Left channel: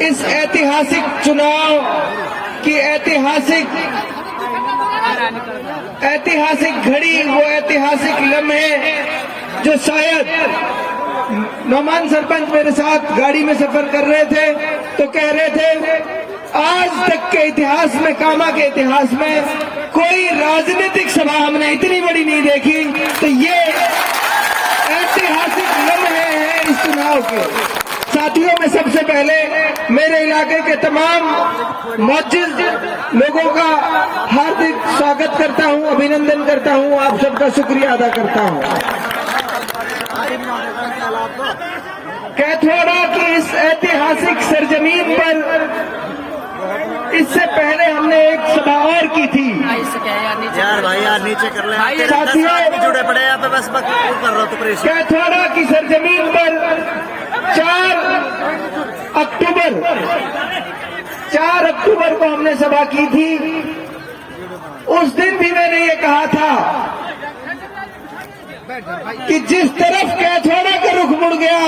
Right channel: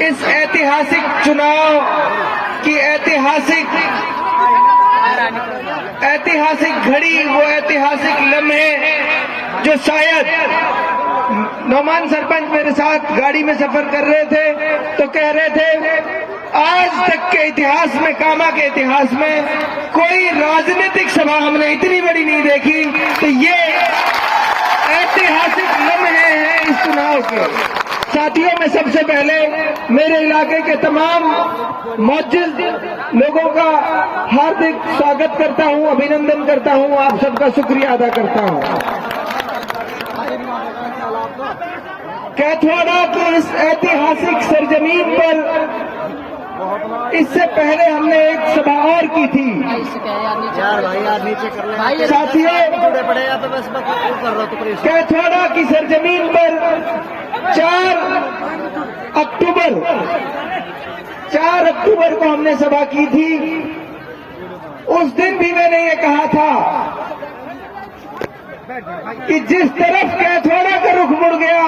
इस ऐतिहासिक चुनाव की ऐतिहासिक घड़ी, वो ऐतिहासिक लम्हे जो शायद नौमान सरपंच मेरे साथ गाड़ी में सफर कर रहे थे तो कह रहे थे आज तक के इतिहास में, कामा के इतिहास में कोई राजनीतिक सभा हमने इतनी बड़ी नहीं देखी। तो ये ऐतिहासिक लम्हे हैं इस चुनाव के। साथियों, मैं सबसे पहले मेरे इलाके के तमाम मौजूद लोगों का हार्दिक स्वागत करता हूं, अभिनंदन करता हूं, आप सबका शुक्रिया अदा करता हूं। कैथवाड़ा की इस ऐतिहासिक सरजमीन पर इससे पहले हमने एक सभा और की थी। यार भाई यार नीचे कर ले साथियों, जुड़े पड़े यहाँ पे, बस कर रहा हूँ। कैथवाड़ा की सरजमीन पर 4 अक्टूबर को हमने सभा की थी। उस दिन भी मैंने ये कहा था कि जिस तरफ कैथवाड़ा का रुख मुड़ गया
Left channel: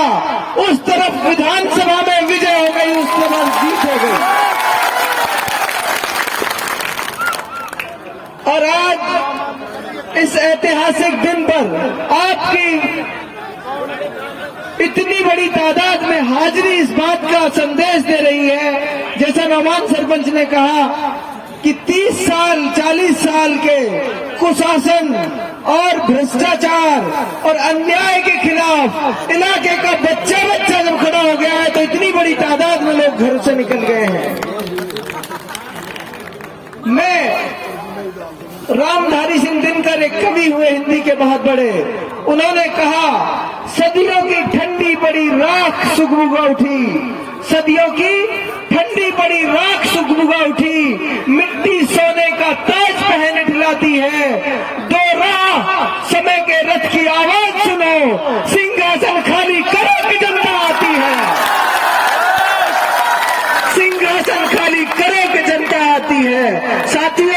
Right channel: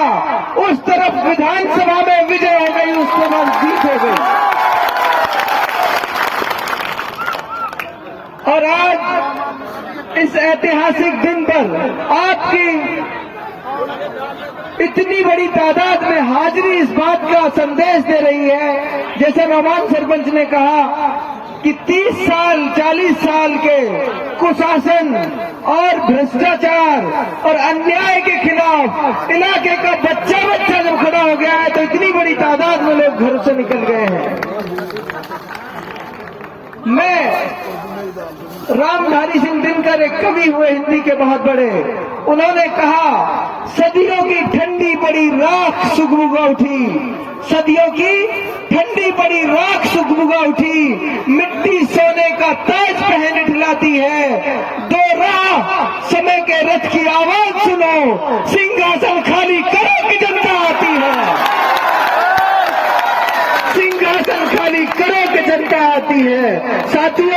उस तरफ विधानसभा में विजय हो गई, उसके बाद जीत हो गई। और आज इस ऐतिहासिक दिन पर आपकी इतनी बड़ी तादाद में हाजिरी इस बात का संदेश दे रही है, जैसा नौमान सरपंच ने कहा कि 30 साल 40 साल के कुशासन और भ्रष्टाचार और अन्याय के खिलाफ इलाके का बच्चा जब खड़ा हो गया है तो इतनी बड़ी तादाद में लोग घरों से निकल गए हैं। मैं रामधारी सिंह दिनकर एक कवि हुए हिंदी के बहुत बड़े, उन्होंने कहा सदियों की ठंडी पड़ी राख सुगबुगा उठी, सदियों की ठंडी पड़ी राख सुगबुगा उठी, मिट्टी सोने का ताज पहन ढिलाती है, दो राह समय के रथ की आवाज सुनो, सिंहासन खाली करो कि जनता आती है, सिंहासन खाली करो कि जनता आती है। साथियों,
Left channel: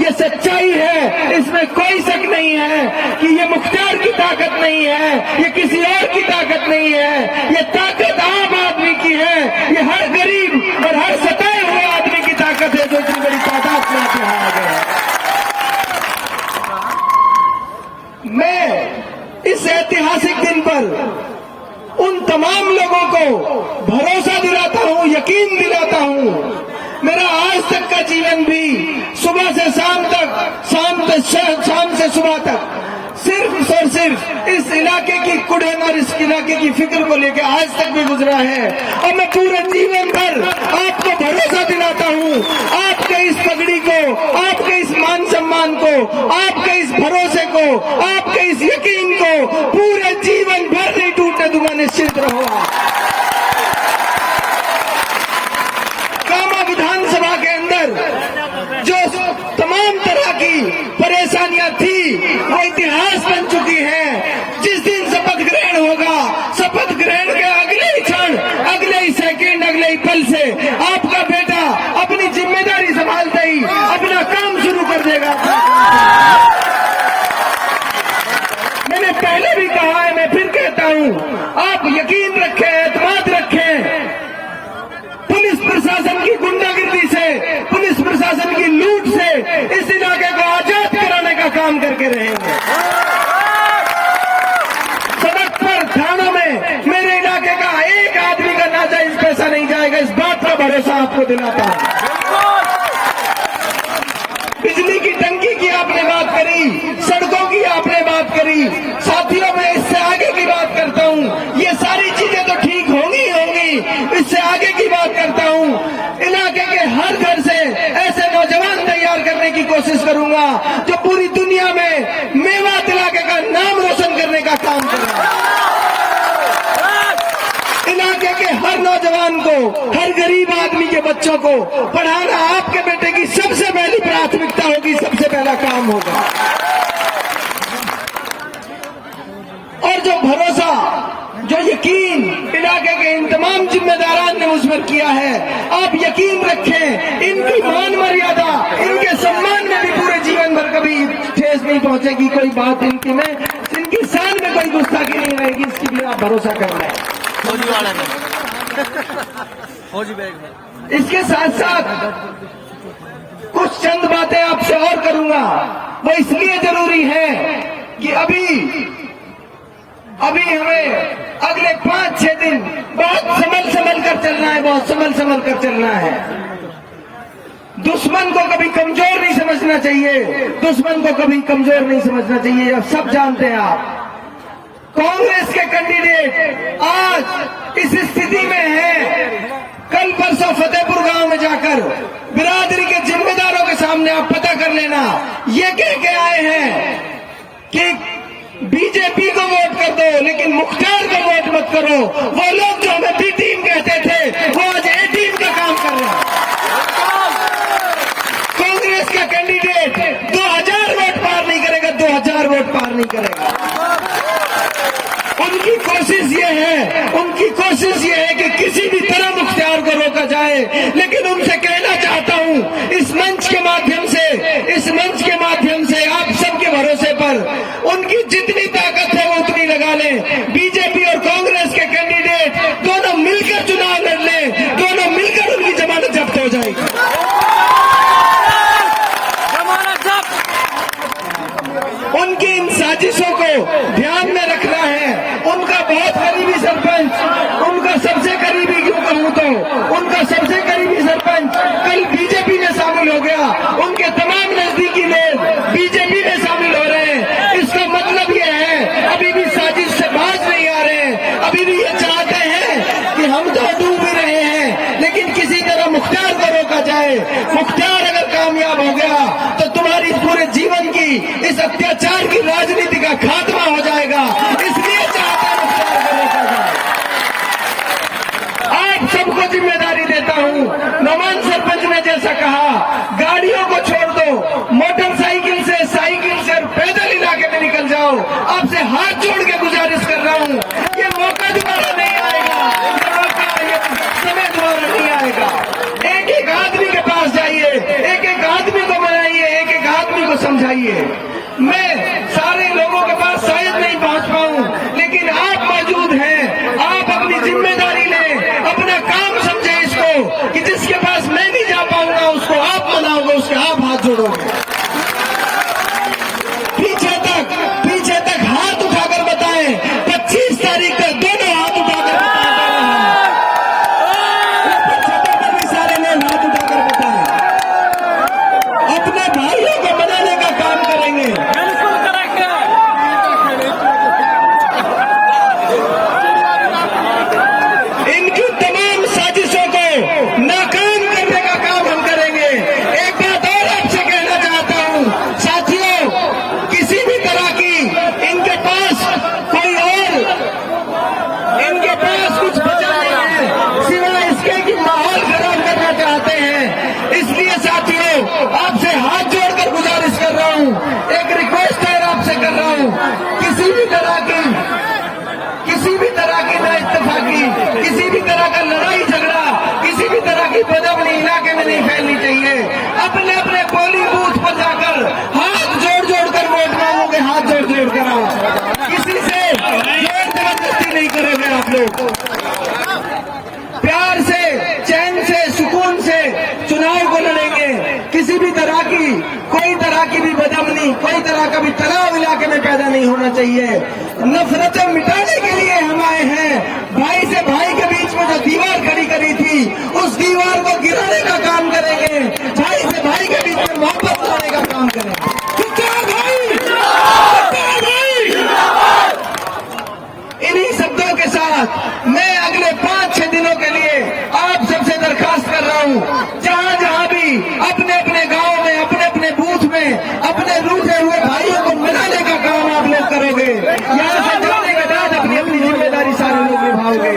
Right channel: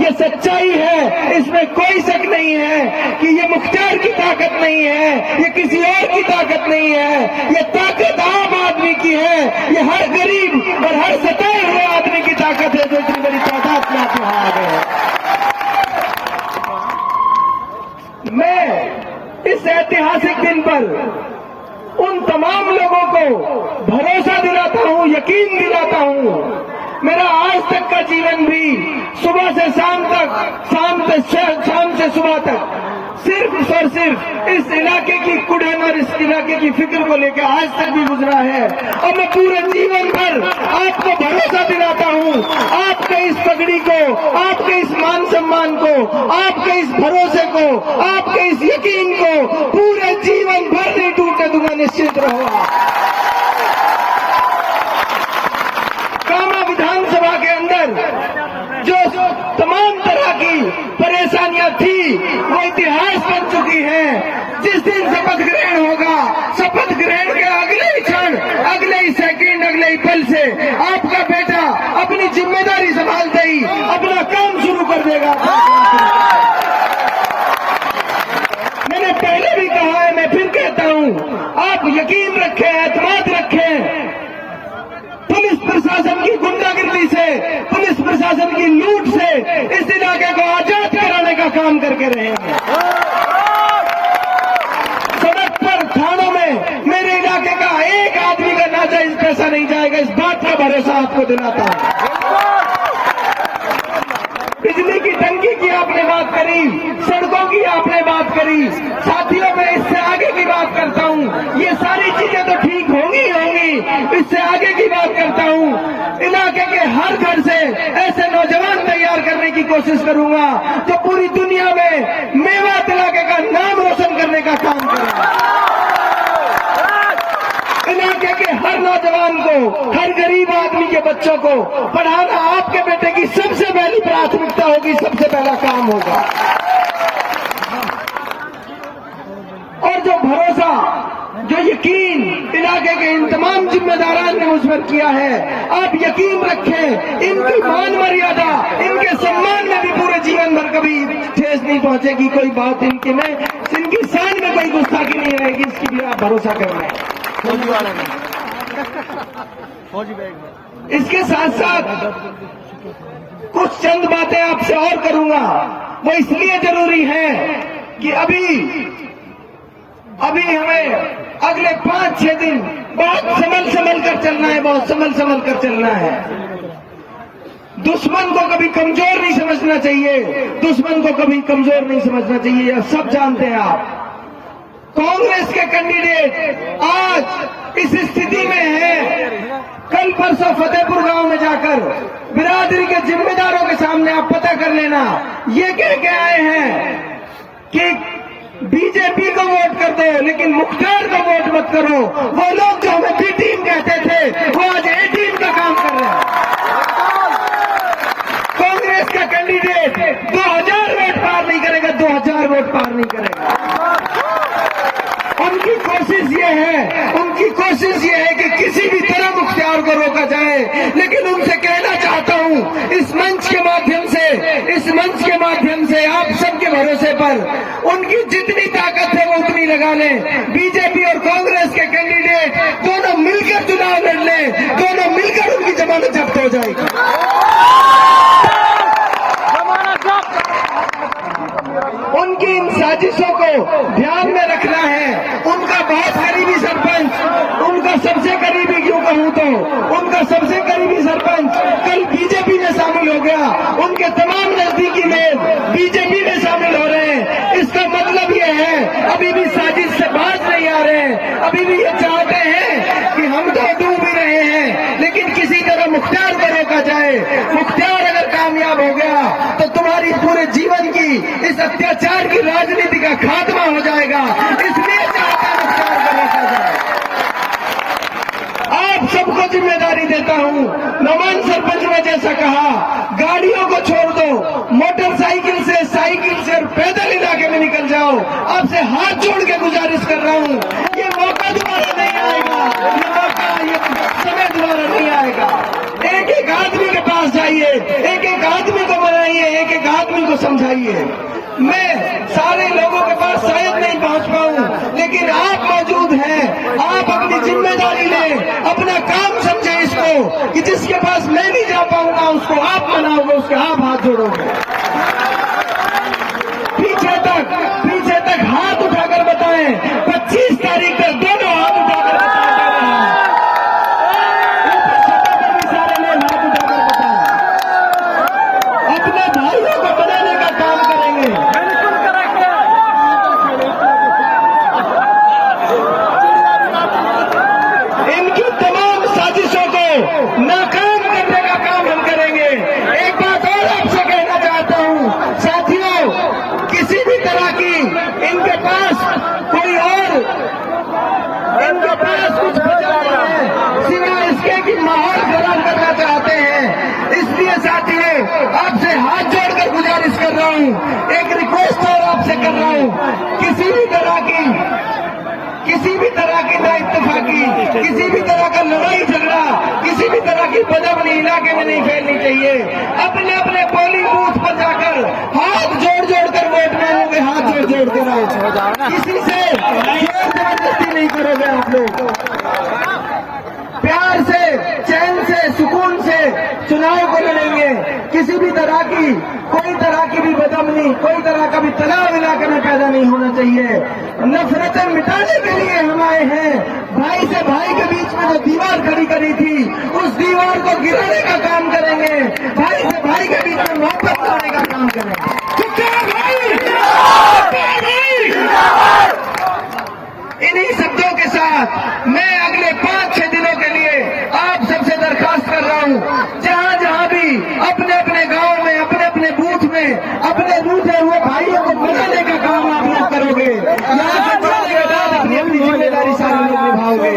ये सच्चाई है, इसमें कोई शक नहीं है कि ये मुख्तार की ताकत नहीं है, ये किसी और की ताकत नहीं है, ये ताकत आम आदमी की है, ये हर गरीब और हर सताए हुए आदमी की ताकत है जो इतनी बड़ी तादाद में आप यहाँ आ गए। मैं इस ऐतिहासिक दिन पर उन तमाम लोगों को भरोसा दिलाता हूं, यकीन दिलाता हूं, मेरा आज तक का जीवन भी सुबह से शाम तक, शाम से सुबह तक सिर्फ और सिर्फ इस इलाके की कुड़न और इस इलाके की फिक्र को लेकर आज तक भी गुजरा है। और मैं पूरे जीवन भर आपको भरोसा दिलाता हूं, आपके इस पगड़ी को, आपके इस मान सम्मान को, आपके इस भरोसे को, आपके इस यकीन को पूरे जीवन भर नहीं टूटने दूंगा, निश्चित रहो। कामा विधानसभा के अंदर जो तमाम तरह की परेशानियां थी वो इतिहास बन चुकी है। जिस दिन शपथ ग्रहण होगा, शपथ ग्रहण के अगले ही क्षण, अगले ही सेकंड, अगले ही पल से आपका बेटा अपनी जिम्मेदारी संभालते ही अपना काम शुरू कर देगा। मैंने पहले भी कहा है, मैं फिर कहता हूं, आप यकीन रखें, एतमाद रखें, पुलिस प्रशासन की गुंडागिरी से, पुलिस प्रशासन की लूट से इस इलाके को आजाद कराने का काम करके रहेंगे। सड़क पर, थानों में मेरे इलाके का एक आदमी का नाजायज पैसा नहीं जाएगा, इस बात का भरोसा आपको दिलाता हूं। बिजली की टंकी की आपने बात करी, सड़कों की आपने बात करी, साथियों मैं इससे आगे की बात करता हूं। ये सारी चीजें तो ठीक होंगी, इससे आगे की बात करता हूं। इलाके के हर घर से ऐसे नौजवान तैयार करने की कोशिश करूंगा जो पूरी दुनिया में मेवात इलाके का नाम रोशन करने का काम करेंगे। इलाके के हर नौजवान को, हर गरीब आदमी के बच्चों को पढ़ाना आपके बेटे की सबसे पहली प्राथमिकता होगी, सबसे पहला काम होगा। और जो भरोसा, जो यकीन इलाके के इन तमाम जिम्मेदारान ने मुझ पर किया है। आप यकीन रखें, इनकी मान मर्यादा, इनके सम्मान में भी पूरे जीवन भर कभी ठेस नहीं पहुंचेगी। कोई बात इनकी शान में कोई गुस्ताखी नहीं रहेगी, इसकी भी आप भरोसा कर लें। फौजी वाले में, फौजी बैग में। इसके साथ साथ कुछ चंद बातें आपसे और करूंगा। वो इसलिए जरूरी है कि अभी हमें अगले 5-6 दिन बहुत संभल कर चलना है, बहुत संभल कर चलना है। दुश्मन को कभी कमजोर नहीं समझना चाहिए, दुश्मन को कभी कमजोर नहीं समझना चाहिए। अब सब जानते हैं आप, कांग्रेस के कैंडिडेट आज इस स्थिति में हैं। कल परसों फतेहपुर गांव में जाकर बिरादरी के जिम्मेदारों के सामने आप पता कर लेना, ये कह के आए हैं कि बीजेपी को वोट कर दो लेकिन मुख्तार को वोट मत करो। वो लोग जो हमें बी टीम कहते थे वो आज ए टीम का काम कर रहे हैं। कांग्रेस का कैंडिडेट 2000 वोट पार नहीं करेगा, 2000 वोट पार नहीं करेगा। उनकी कोशिश ये है कि किसी भी तरह मुख्तार को रोका जाए। लेकिन उनसे कहना चाहता हूं इस मंच के माध्यम से आप सबके भरोसे पर उनकी जितनी ताकत है वो उतनी लगा लें। बीजेपी और कांग्रेस के कैंडिडेट दोनों मिलकर चुनाव लड़ लें, दोनों मिलकर उनकी जमानत जब्त हो जाएगी। उनकी इन साजिशों को ध्यान में रखना है। उनका बहुत करीबी सरपंच, उनका सबसे करीबी क्यों कहूं तो उनका सबसे करीबी सरपंच कल बीजेपी में शामिल हो गया। उनके तमाम नजदीकी लोग बीजेपी में शामिल हो रहे हैं। इसका मतलब यह है अभी भी साजिश से बाज नहीं आ रहे हैं, अभी भी ये चाहते हैं कि हम तो डूब ही रहे हैं लेकिन किसी तरह मुख्तार को रोका जाए। मुख्तार अगर कामयाब हो गया तो तुम्हारी पूरे जीवन की इस अत्याचार की राजनीति का खात्मा हो जाएगा। इसलिए चाहते हैं मुख्तार को रोका जाए। आप सबको जिम्मेदारी देता हूं। नौमान सरपंच ने जैसा कहा, गाड़ियों को छोड़ दो, मोटरसाइकिल से, साइकिल से और पैदल इलाके में निकल जाओ। आपसे हाथ जोड़ के गुजारिश कर रहा हूं, ये मौका दोबारा नहीं आएगा, ये समय दोबारा नहीं आएगा। एक आदमी के पास जाइए, एक आदमी को मिलाइए, एक आदमी को समझाइए। मैं सारे लोगों के पास शायद नहीं पहुंच पाऊं, लेकिन आप मौजूद हैं। आप अपनी जिम्मेदारी लें, अपना काम समझे इसको कि जिसके पास मैं नहीं जा पाऊंगा उसको आप मनाओगे, उसके आप हाथ जोड़ोगे। पीछे तक हाथ उठाकर बताएं, 25 तारीख तक दोनों हाथ उठाकर बताएं। सारे लोग हाथ उठाकर बताएं, अपने भाइयों को बनाने का काम करेंगे। इनकी तमाम साजिशों को नाकाम करने का काम हम करेंगे। एक बात और आपसे कहना चाहता हूं साथियों, किसी भी तरह की इनके पास कोई और कुछ बचा नहीं है सिवाय इसके कि माहौल खराब करना चाहते हैं। इसलिए साथियों आपसे हाथ जोड़कर गुजारिश कर रहा हूं, एक रिक्वेस्ट और आपसे कर रहा हूं, किसी भी तरह की ना इत्तेफाकी, किसी भी तरह का लड़ाई झगड़ा, किसी भी तरह की बदमनी इलाके में नहीं फैलनी चाहिए। अपने अपने पोलिंग बूथ पर जाकर हाथ जोड़ कर वोट मांगोगे, हाथ जोड़ कर आओ। किसी से जोर जबरदस्ती नहीं करोगे आप लोग। प्यार से, चैन से, सुकून से चुनाव को लड़ेंगे। किसी भी तरह की कोई तरह की भी बदमनी, कोई तरह का भी तनाव इलाके में पैदा नहीं होना चाहिए। नफरतें मिटाने के लिए हम आए हैं। भाई से भाई के बीच में जो दीवार खड़ी करी थी उस दीवार को गिराने का काम करेंगे। भाई से भाई के बीच में मोहब्बत लाने का काम करेंगे। इन्हीं शब्दों के साथ मैं अगले 5-6 दिनों के लिए आप सबसे दरखास्त कर रहा हूं, जहां भी अपने अपने गांव में, अपने अपने बूथ में अपने रूठे हुए भाइयों को मनाने का काम आप लोग करोगे। यहां से जाने के बाद अपनी अपनी जिम्मेदारी सारे लोग निभाओगे।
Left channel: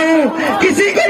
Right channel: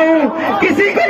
हूँ, किसी के